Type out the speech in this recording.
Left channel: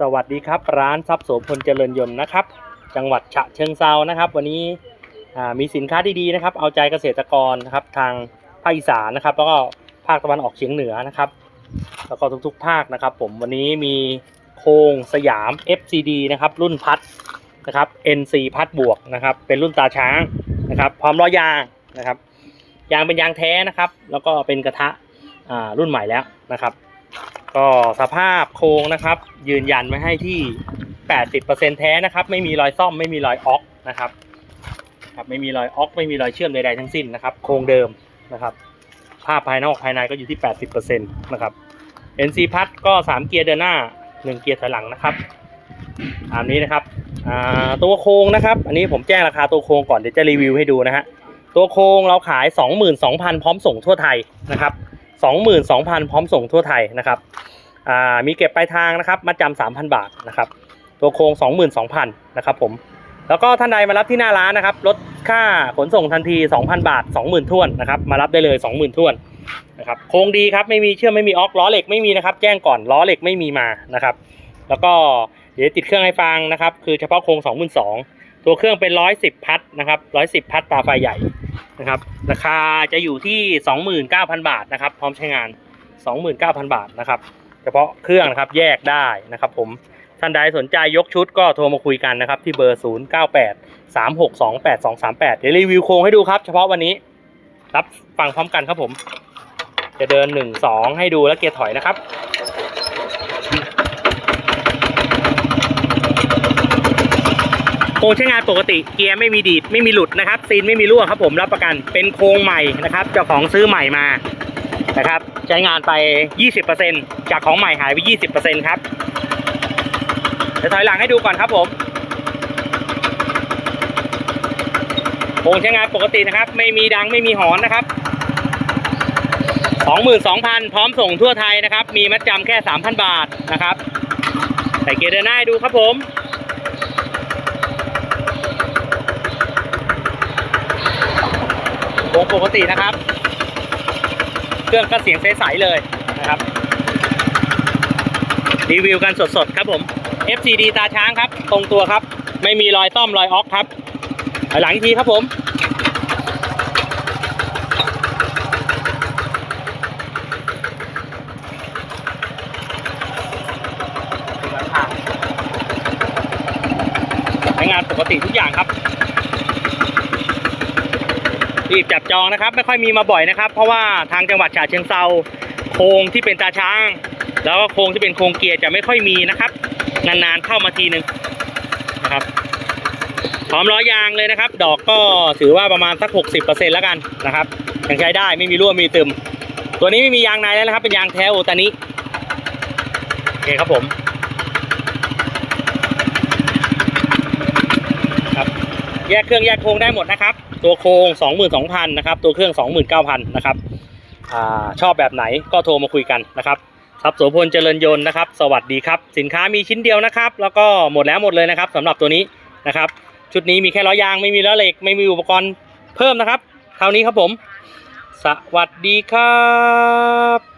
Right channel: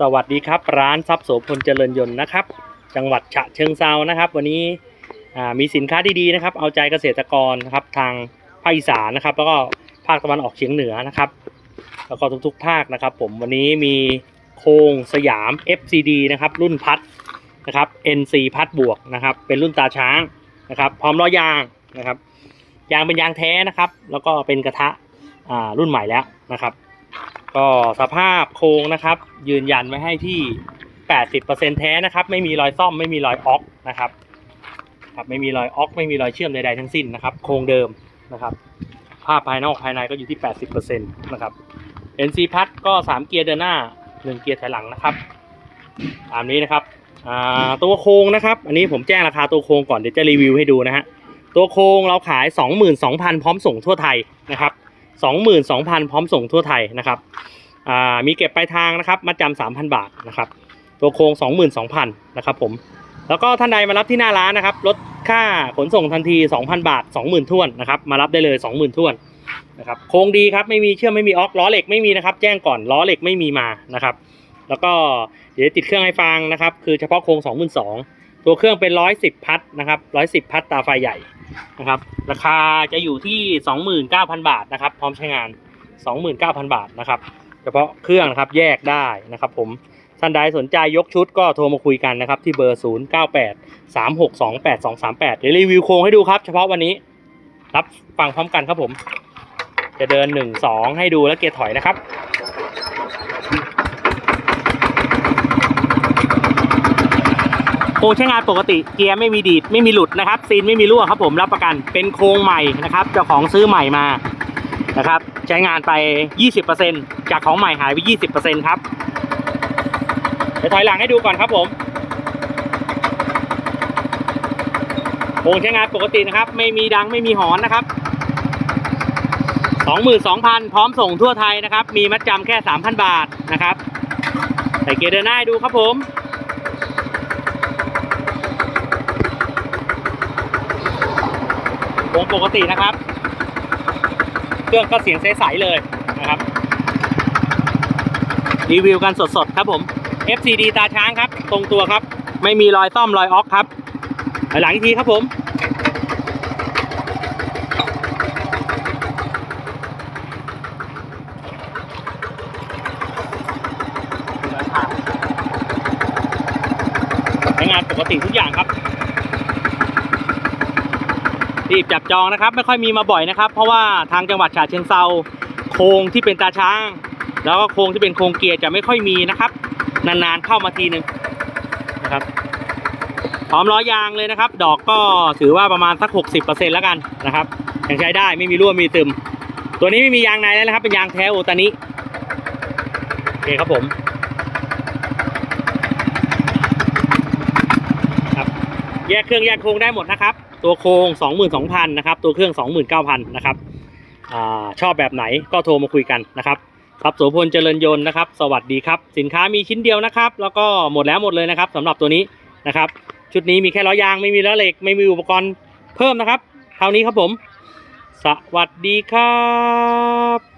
สวัสดีครับ ร้านทรัพย์โสพลเจริญยนต์นะครับ จังหวัดฉะเชิงเซานะครับ วันนี้มีสินค้าดีๆนะครับ เอาใจเกษตรกรนะครับทางภาคอีสานนะครับ แล้วก็ภาคตะวันออกเฉียงเหนือนะครับ แล้วก็ทุกๆ ภาคนะครับ ผมวันนี้มีโคงสยาม FCD นะครับ รุ่นพัดนะครับ NC พัดบวกนะครับ เป็นรุ่นตาช้างนะครับ พร้อมล้อยางนะครับ ยางเป็นยางแท้นะครับ แล้วก็เป็นกระทะรุ่นใหม่แล้วนะครับ ก็สภาพโครงนะครับ ยืนยันไว้ให้ที่ 80%แท้นะครับ ไม่มีรอยซ่อมไม่มีรอยออกนะครับครับไม่มีรอยออกไม่มีรอยเชื่อมใดๆทั้งสิ้นนะครับ โครงเดิมนะครับ ภาพภายนอกภายในก็อยู่ที่ 80%นะครับ NC พัดก็ 3 เกียร์เดินหน้า 1 เกียร์ถอยหลังนะครับตามนี้นะครับตัวโครงนะครับ อันนี้ผมแจ้งราคาตัวโครงก่อนเดี๋ยวจะรีวิวให้ดูนะฮะตัวโครงเราขาย 22,000 พร้อมส่งทั่วไทยนะครับ 22,000 พร้อมส่งทั่วไทยนะครับอ่ามีเก็บปลายทางนะครับมาจำสามพันบาทนะครับตัวโครง 22,000นะครับผมแล้วก็ท่านใดมารับที่หน้าร้านนะครับลดค่าขนส่งทันที 2,000 บาท 20,000ท้วนนะครับมารับได้เลย 20,000ท้วนนะครับโครงดีครับไม่มีเชื่อมไม่มีออกล้อเหล็กไม่มีนะครับแจ้งก่อนล้อเหล็กไม่มีมานะครับแล้วก็เดี๋ยวติดเครื่องให้ฟังนะครับคือเฉพาะโครง 22,000ตัวเครื่องเป็น 110 พัทนะครับ110 พัทตาไฟใหญ่ นะครับ ราคาจะอยู่ที่ 29,000 บาทนะครับ พร้อมใช้งาน 29,000 บาทนะครับ เฉพาะเครื่องนะครับแยกได้นะครับ ผมท่านใดสนใจยกชุดก็โทรมาคุยกันนะครับ ที่เบอร์ 0 9 8 3 6 2 8 2 3 8 เดี๋ยวรีวิวโครงให้ดูครับ เฉพาะวันนี้รับฟังพร้อมกันครับผม จะเดิน 1 2 ให้ดูแล้วเกียร์ถอยนะครับ โครงใช้งานปกติเกียร์ไม่มีดีดไม่มีหลุดนะครับซีนไม่มีรั่วครับผมรับประกันเป็นโครงใหม่นะครับเจ้าของซื้อใหม่มานะครับ ใช้งานไป 20%จากของใหม่หายไป 20%ครับเดี๋ยวถอยหลังให้ดูก่อนครับผมโครงใช้งานปกตินะครับ ไม่มีดังไม่มีหอนนะครับ22,000 พร้อมส่งทั่วไทยนะครับ มีมัดจำแค่ 3,000 บาทนะครับ ใส่เกียร์เดินหน้าให้ดูครับผม โครงปกตินะครับ เครื่องก็เสียงใสๆเลยนะครับ รีวิวกันสดๆครับผม FCD ตาช้างครับ ตรงตัวครับ ไม่มีรอยต้อมรอยออกครับ หลังทีครับผมใช้งานปกติทุกอย่างครับ รีบจับจองนะครับ ไม่ค่อยมีมาบ่อยนะครับ เพราะว่าทางจังหวัดฉะเชิงเซาโครงที่เป็นตาช้าง แล้วก็โครงที่เป็นโครงเกียร์จะไม่ค่อยมีนะครับ นานๆเข้ามาทีหนึ่งนะครับพร้อมล้อยางเลยนะครับ ดอกก็ถือว่าประมาณสัก 60%แล้วกันนะครับยังใช้ได้ไม่มีรั่วมีตึม ตัวนี้ไม่มียางในแล้วนะครับ เป็นยางแท้โอตานิโอเคครับผมครับ แยกเครื่องแยกโครงได้หมดนะครับ ตัวโครง 22,000นะครับ ตัวเครื่อง 29,000นะครับอชอบแบบไหนก็โทรมาคุยกันนะครับทรัพย์โสพลเจริญยนต์นะครับ สวัสดีครับ สินค้ามีชิ้นเดียวนะครับ แล้วก็หมดแล้วหมดเลยนะครับสำหรับตัวนี้นะครับ ชุดนี้มีแค่ล้อยางไม่มีล้อเหล็ก ไม่มีอุปกรณ์เพิ่มนะครับ เท่านี้ครับผม สวัสดีครับ